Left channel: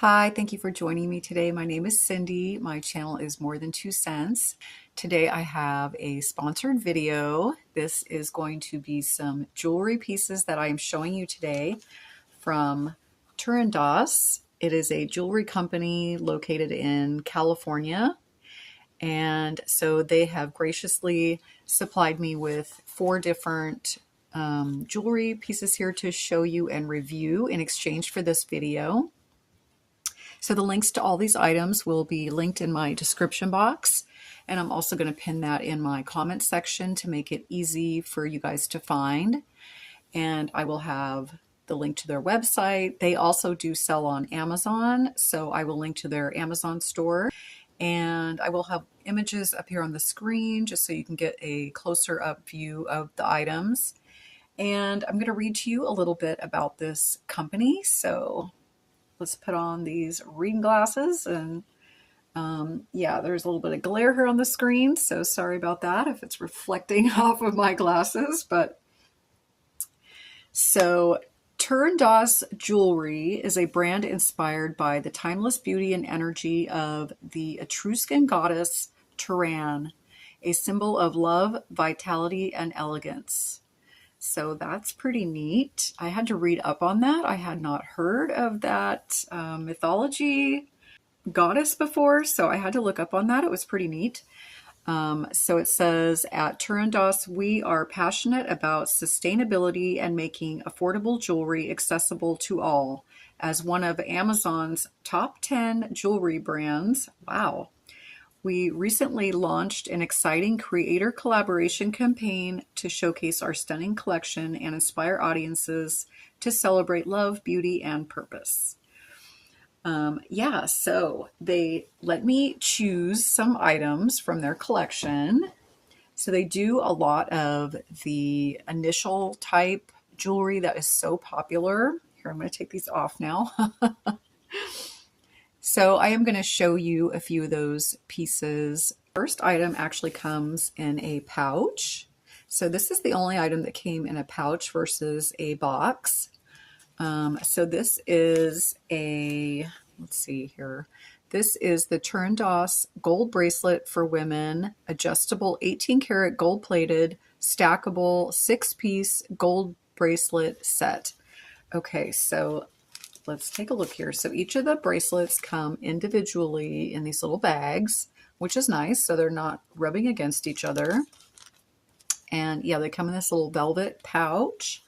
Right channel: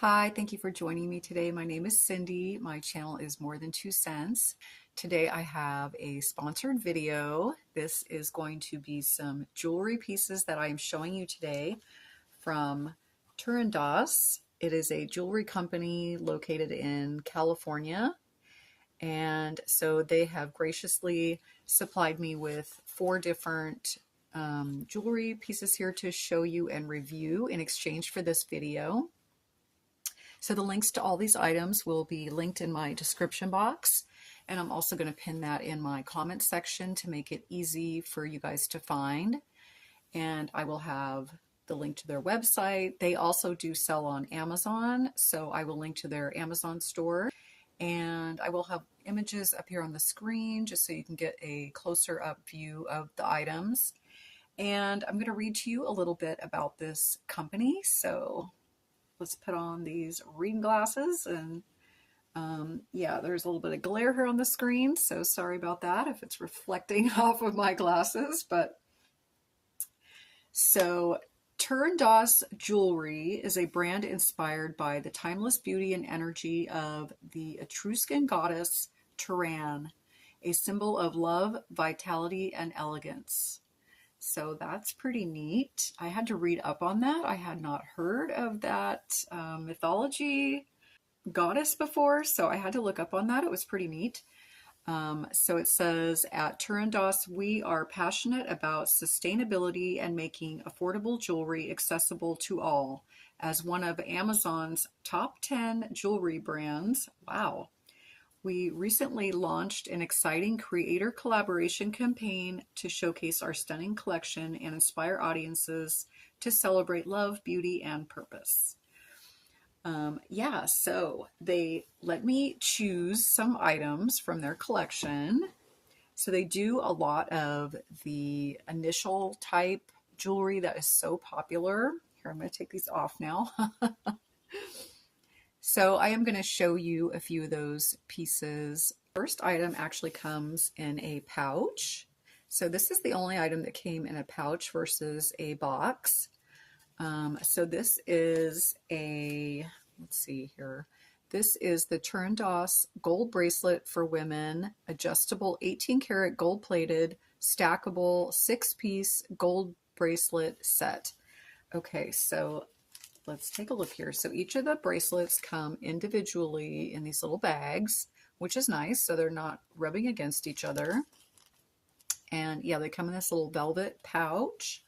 Hi, thank you for joining me today. My name is Cindy. My channel is More Than 2 Cents. Today I have a sponsored video. This is going to be some jewelry pieces that I am showing you today from Turandoss. It is a jewelry company located in California. And so they have graciously supplied me with 4 different jewelry pieces here to show you and review in exchange for this video. So the links to all these items will be linked in my description box, and I'm also going to pin that in my comment section to make it easy for you guys to find. And I will have the link to their website. They also do sell on Amazon, so I will link to their Amazon store. And I will have images up here on the screen just so you can get a closer up view of the items. And I'm going to read to you a little bit about this company. So let's put on these reading glasses. And yeah, there's a little bit of glare here on the screen, so sorry about that if it's reflecting off of my glasses. But so Turandoss Jewelry is a brand inspired by the timeless beauty and energy of the Etruscan goddess Turan, a symbol of love, vitality, and elegance. So that's pretty neat. I had to read up on that. I had not heard of that mythology goddess before, so I had to look up on that. It was pretty neat. So it says, at Turandoss, we are passionate about sustainability and making affordable jewelry accessible to all. As one of Amazon's top 10 jewelry brands, wow. We recently launched an exciting creator collaboration campaign to showcase our stunning collection and inspire audiences to celebrate love, beauty, and purpose. Yeah, so they let me choose some items from their collection. So they do a lot of the initial type jewelry that is so popular. Here, I'm going to take these off now. So I am going to show you a few of those pieces. First item actually comes in a pouch. So this is the only item that came in a pouch versus a box. So this is a, let's see here. This is the Turandoss gold bracelet for women, adjustable 18 karat gold plated, stackable 6-piece gold bracelet set. Okay, so let's take a look here. So each of the bracelets come individually in these little bags, which is nice. So they're not rubbing against each other. And yeah, they come in this little velvet pouch.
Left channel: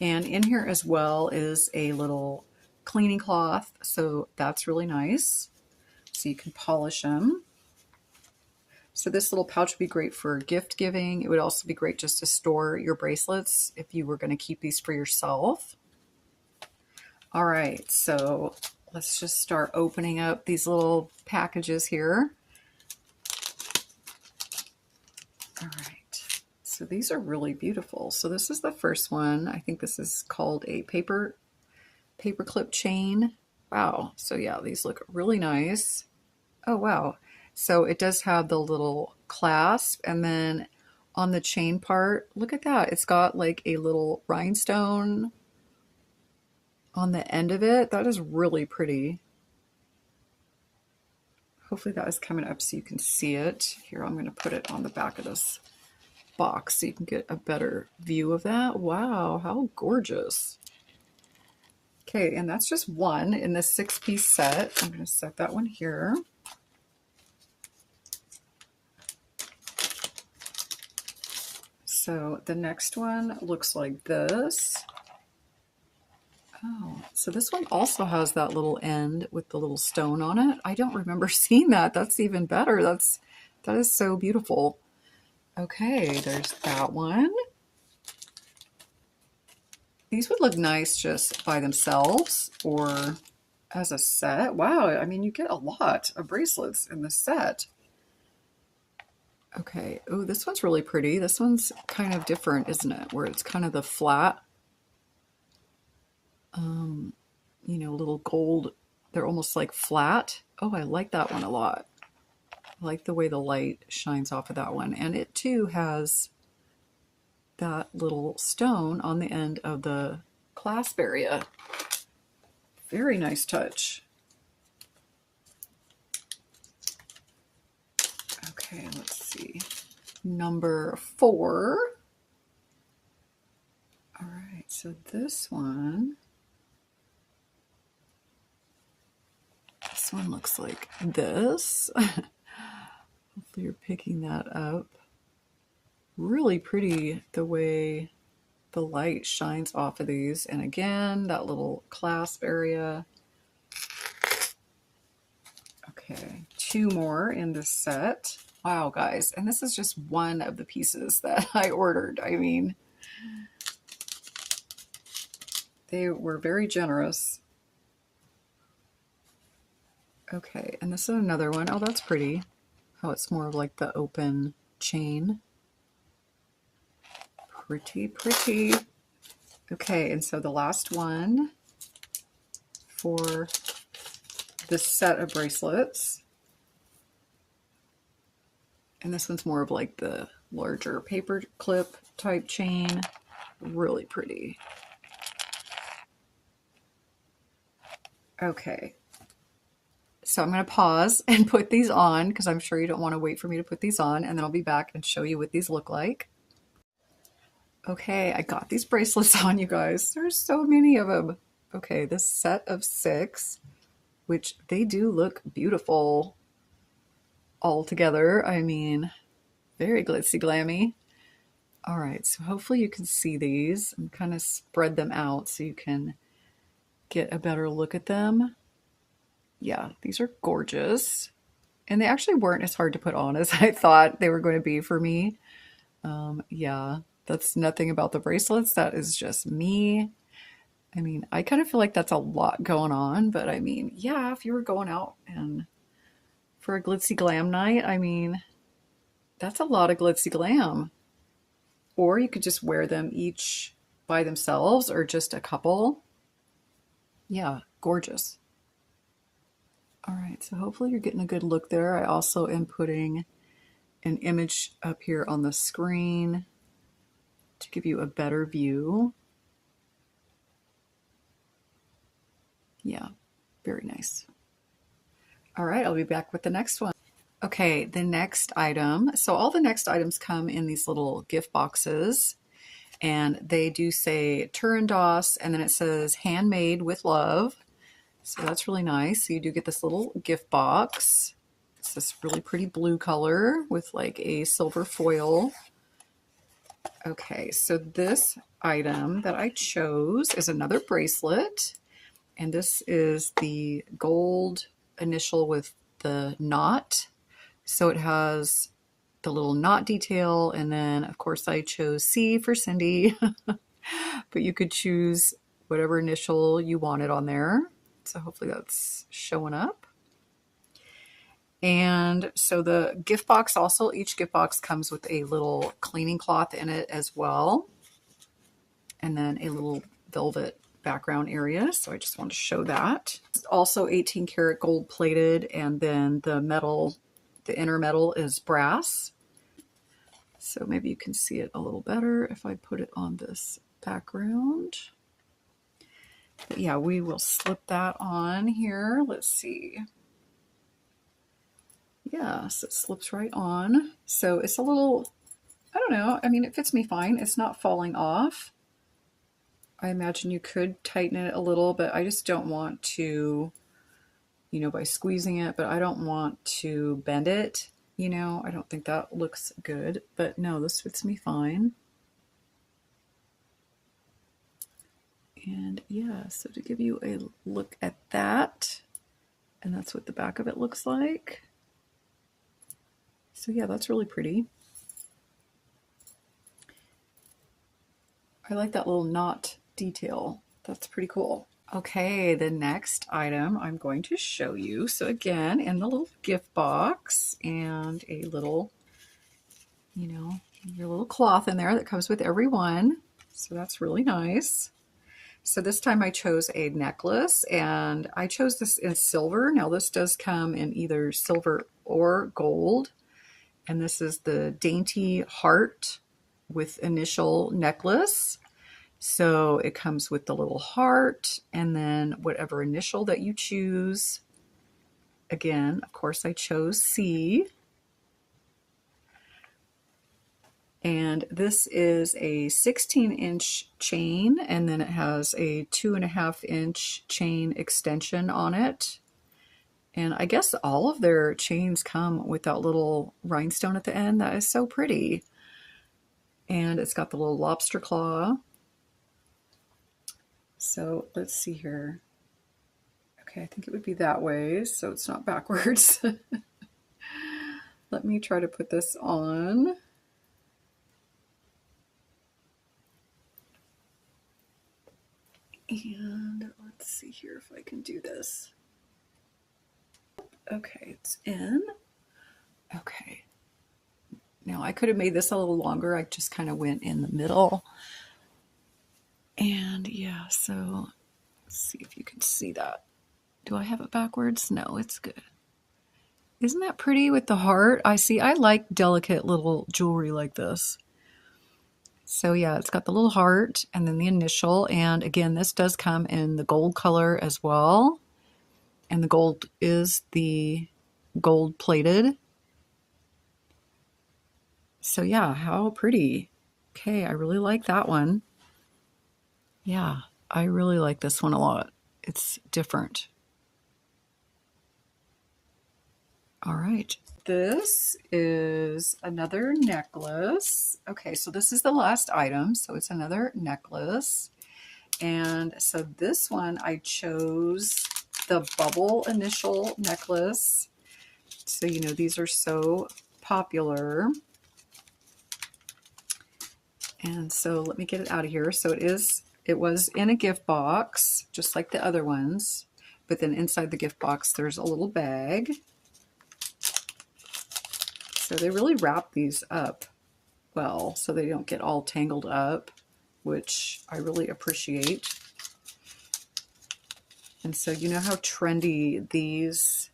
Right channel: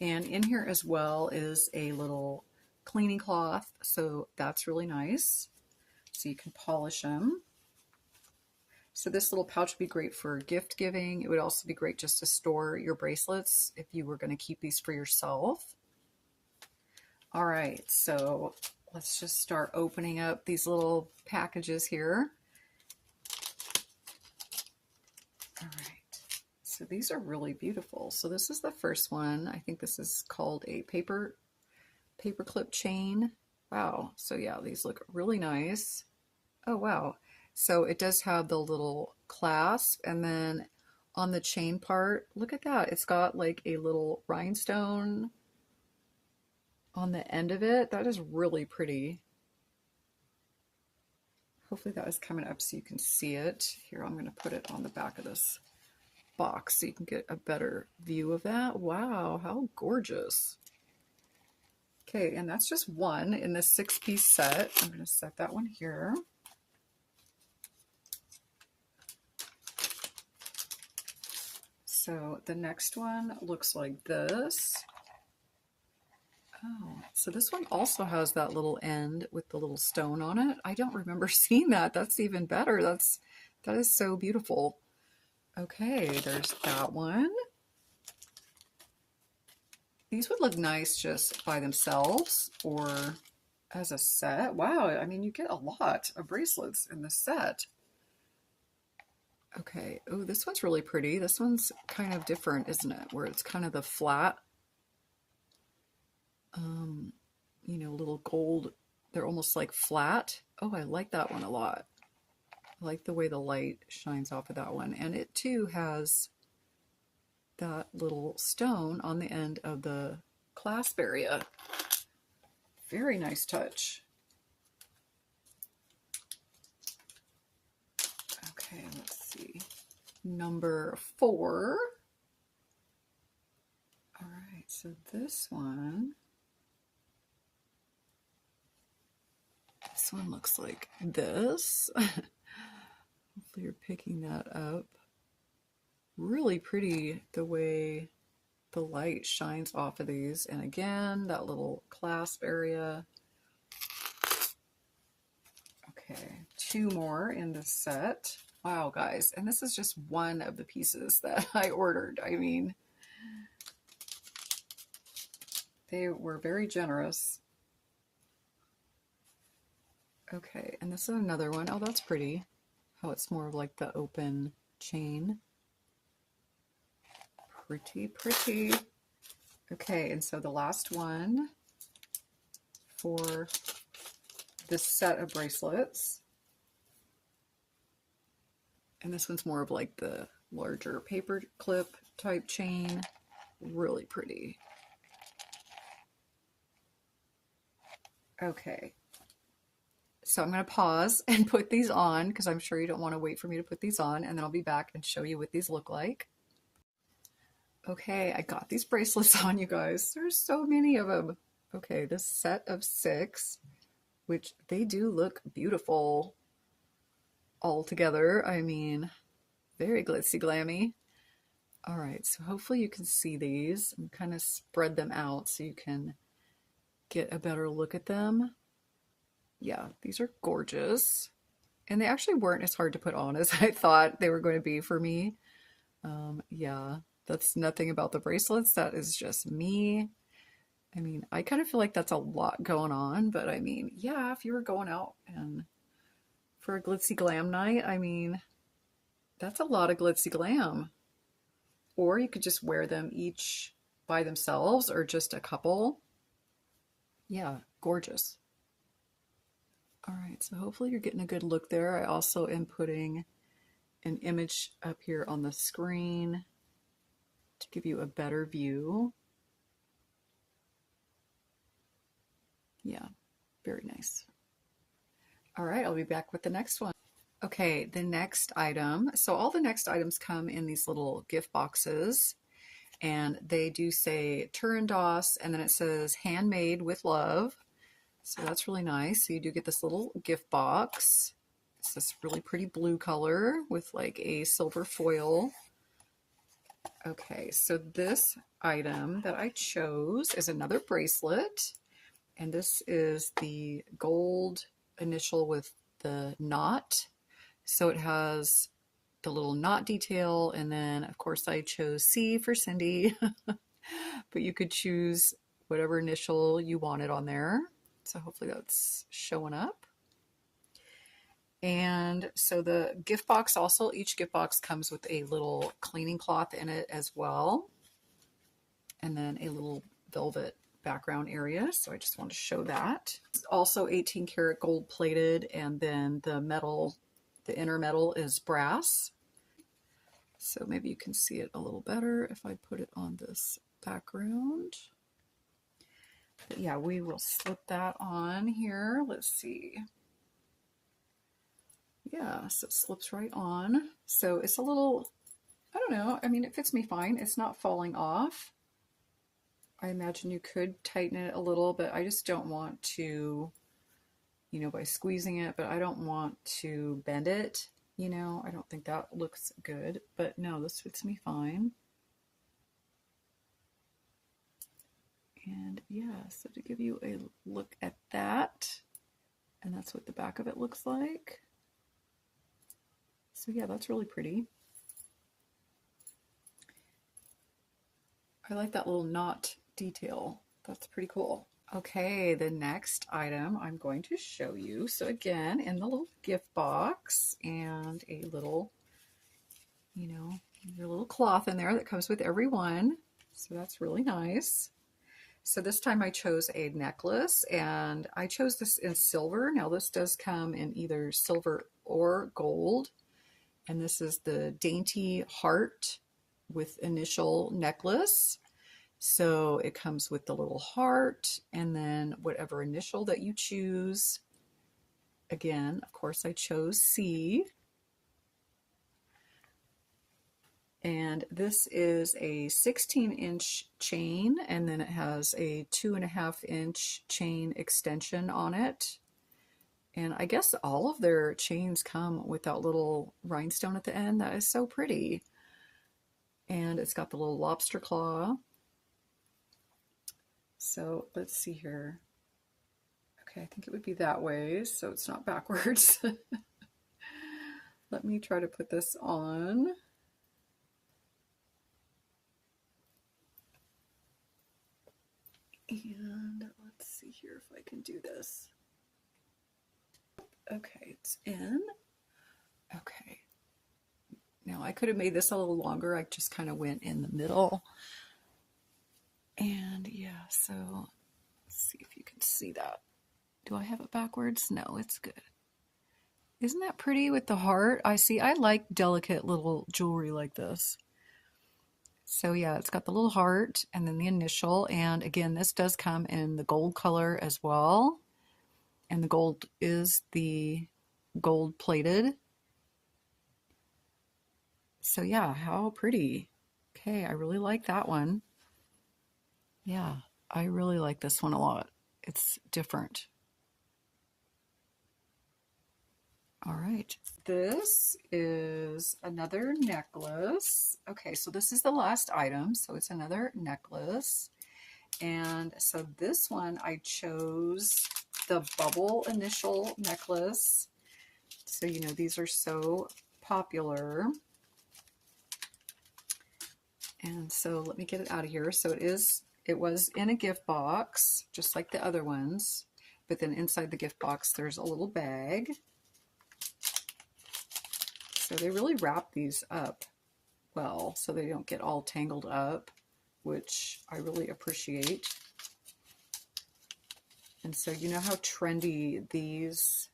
And in here as well is a little cleaning cloth. So that's really nice. So you can polish them. So this little pouch would be great for gift giving. It would also be great just to store your bracelets if you were going to keep these for yourself. All right, so let's just start opening up these little packages here. All right, so these are really beautiful. So this is the first one. I think this is called a paperclip chain. Wow, so yeah, these look really nice. Oh, wow. So it does have the little clasp, and then on the chain part, look at that. It's got like a little rhinestone on the end of it. That is really pretty. Hopefully that is coming up so you can see it. Here, I'm going to put it on the back of this box so you can get a better view of that. Wow, how gorgeous. Okay, and that's just one in this 6-piece set. I'm going to set that one here. So the next one looks like this. Oh, so this one also has that little end with the little stone on it. I don't remember seeing that. That's even better. That is so beautiful. Okay, there's that one. These would look nice just by themselves or as a set. Wow, I mean, you get a lot of bracelets in the set. Okay, oh, this one's really pretty. This one's kind of different, isn't it? Where it's kind of the flat, you know, little gold. They're almost like flat. Oh, I like that one a lot. I like the way the light shines off of that one. And it too has that little stone on the end of the clasp area. Very nice touch. Okay, let's see. Number 4. All right, so this one looks like this. Hopefully you're picking that up. Really pretty the way the light shines off of these. And again, that little clasp area. Okay, 2 more in this set. Wow, guys, and this is just one of the pieces that I ordered. I mean, they were very generous. Okay, and this is another one. Oh, that's pretty. How it's more of like the open chain. Pretty, pretty. Okay, and so the last one for this set of bracelets. And this one's more of like the larger paperclip type chain. Really pretty. Okay. So I'm going to pause and put these on because I'm sure you don't want to wait for me to put these on, and then I'll be back and show you what these look like. Okay, I got these bracelets on, you guys. There's so many of them. Okay, this set of 6, which they do look beautiful all together. I mean, very glitzy glammy. All right, so hopefully you can see these. I'm kind of spread them out so you can get a better look at them. Yeah, these are gorgeous. And they actually weren't as hard to put on as I thought they were going to be for me. Yeah, that's nothing about the bracelets. That is just me. I mean, I kind of feel like that's a lot going on, but I mean, yeah, if you were going out and for a glitzy glam night, I mean, that's a lot of glitzy glam. Or you could just wear them each by themselves or just a couple. Yeah, gorgeous. All right, so hopefully you're getting a good look there. I also am putting an image up here on the screen to give you a better view. Yeah, very nice. All right, I'll be back with the next one. Okay, the next item. So all the next items come in these little gift boxes, and they do say Turandoss, and then it says handmade with love. So that's really nice. So you do get this little gift box. It's this really pretty blue color with like a silver foil. Okay, so this item that I chose is another bracelet. And this is the gold initial with the knot. So it has the little knot detail. And then, of course, I chose C for Cindy. But you could choose whatever initial you wanted on there. So hopefully that's showing up. And so the gift box also, each gift box comes with a little cleaning cloth in it as well. And then a little velvet background area. So I just want to show that. It's also 18 karat gold plated, and then the metal, the inner metal is brass. So maybe you can see it a little better if I put it on this background. But yeah, we will slip that on here. Let's see. Yeah, so it slips right on. So it's a little, I don't know. I mean, it fits me fine. It's not falling off. I imagine you could tighten it a little, but I just don't want to, you know, by squeezing it, but I don't want to bend it. You know, I don't think that looks good, but no, this fits me fine. And yeah, so to give you a look at that, and that's what the back of it looks like. So yeah, that's really pretty. I like that little knot detail. That's pretty cool. Okay, the next item I'm going to show you. So again, in the little gift box and a little, you know, your little cloth in there that comes with every one. So that's really nice. So this time I chose a necklace, and I chose this in silver. Now this does come in either silver or gold. And this is the Dainty heart with initial necklace. So it comes with the little heart and then whatever initial that you choose. Again, of course, I chose C. And this is a 16-inch chain, and then it has a 2.5-inch chain extension on it. And I guess all of their chains come with that little rhinestone at the end. That is so pretty. And it's got the little lobster claw. So let's see here. Okay, I think it would be that way, so it's not backwards. Let me try to put this on. And let's see here if I can do this. Okay, it's in. Okay. Now I could have made this a little longer. I just kind of went in the middle. And yeah, so let's see if you can see that. Do I have it backwards? No, it's good. Isn't that pretty with the heart? I like delicate little jewelry like this. So yeah, it's got the little heart and then the initial. And again, this does come in the gold color as well. And the gold is the gold plated. So yeah, how pretty. Okay, I really like that one. Yeah, I really like this one a lot. It's different. All right, this is another necklace. Okay, so this is the last item, so it's another necklace. And so this one, I chose the bubble initial necklace. So, you know, these are so popular. And so let me get it out of here. So it was in a gift box, just like the other ones. But then inside the gift box, there's a little bag. So they really wrap these up well, so they don't get all tangled up, which I really appreciate. And so you know how trendy these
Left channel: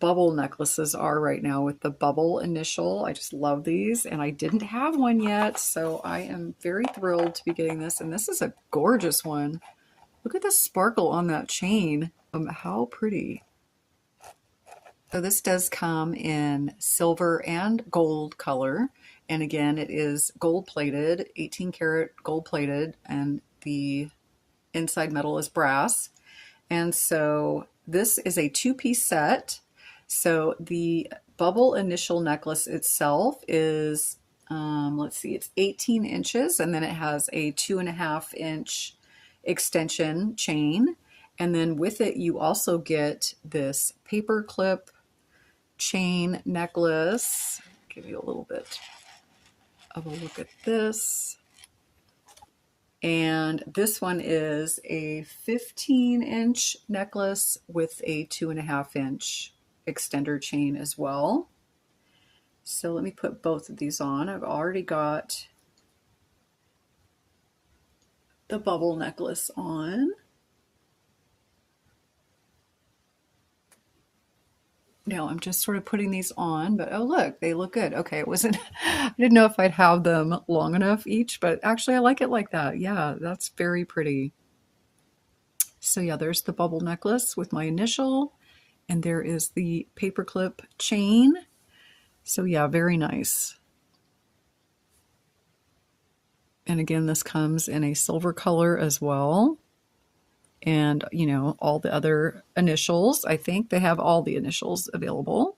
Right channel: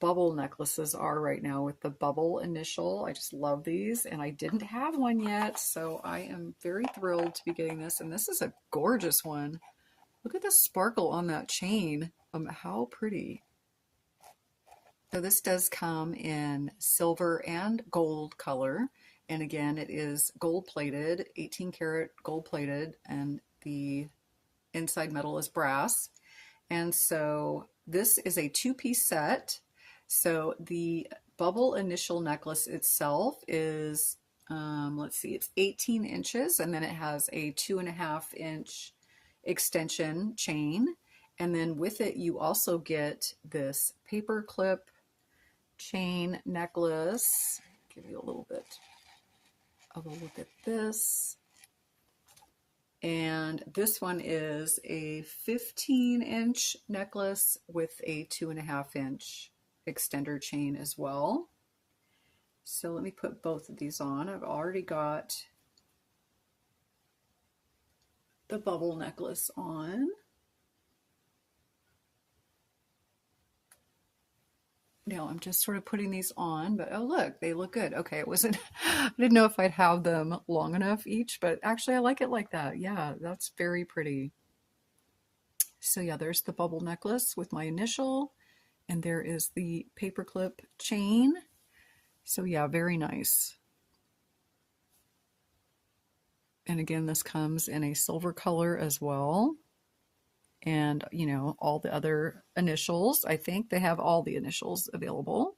bubble necklaces are right now with the bubble initial. I just love these, and I didn't have one yet, so I am very thrilled to be getting this. And this is a gorgeous one. Look at the sparkle on that chain. How pretty. So this does come in silver and gold color. And again, it is gold plated, 18 karat gold plated, and the inside metal is brass. And so this is a two-piece set. So the bubble initial necklace itself is, let's see, it's 18 inches, and then it has a 2.5-inch extension chain. And then with it, you also get this paperclip chain necklace. Give you a little bit of a look at this. And this one is a 15-inch necklace with a 2.5-inch extender chain as well. So let me put both of these on. I've already got the bubble necklace on. Now I'm just sort of putting these on, but oh look, they look good. Okay, it wasn't, I didn't know if I'd have them long enough each, but actually I like it like that. Yeah, that's very pretty. So yeah, there's the bubble necklace with my initial, and there is the paperclip chain. So yeah, very nice. And again, this comes in a silver color as well. And, you know, all the other initials. I think they have all the initials available.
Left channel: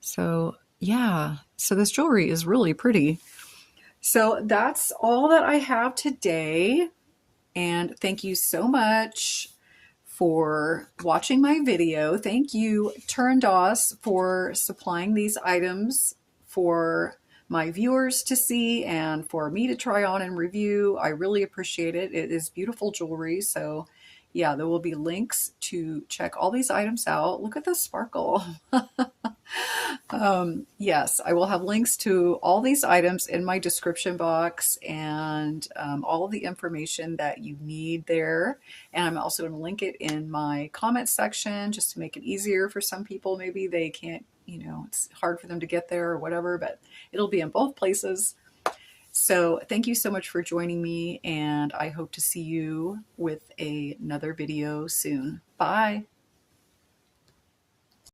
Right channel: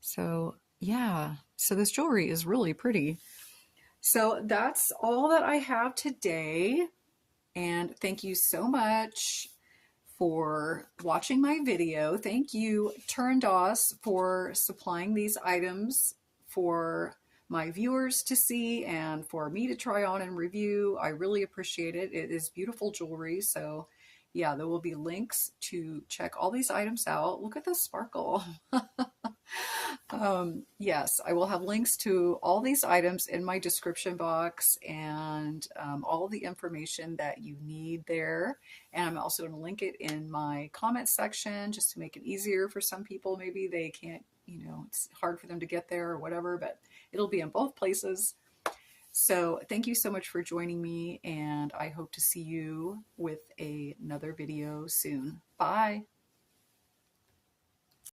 So, yeah. So this jewelry is really pretty. So that's all that I have today. And thank you so much for watching my video. Thank you, Turandoss, for supplying these items for my viewers to see and for me to try on and review. I really appreciate it. It is beautiful jewelry. So yeah, there will be links to check all these items out. Look at the sparkle. Yes, I will have links to all these items in my description box, and all of the information that you need there. And I'm also going to link it in my comment section just to make it easier for some people. Maybe they can't, you know, it's hard for them to get there or whatever, but it'll be in both places. So thank you so much for joining me, and I hope to see you with another video soon. Bye.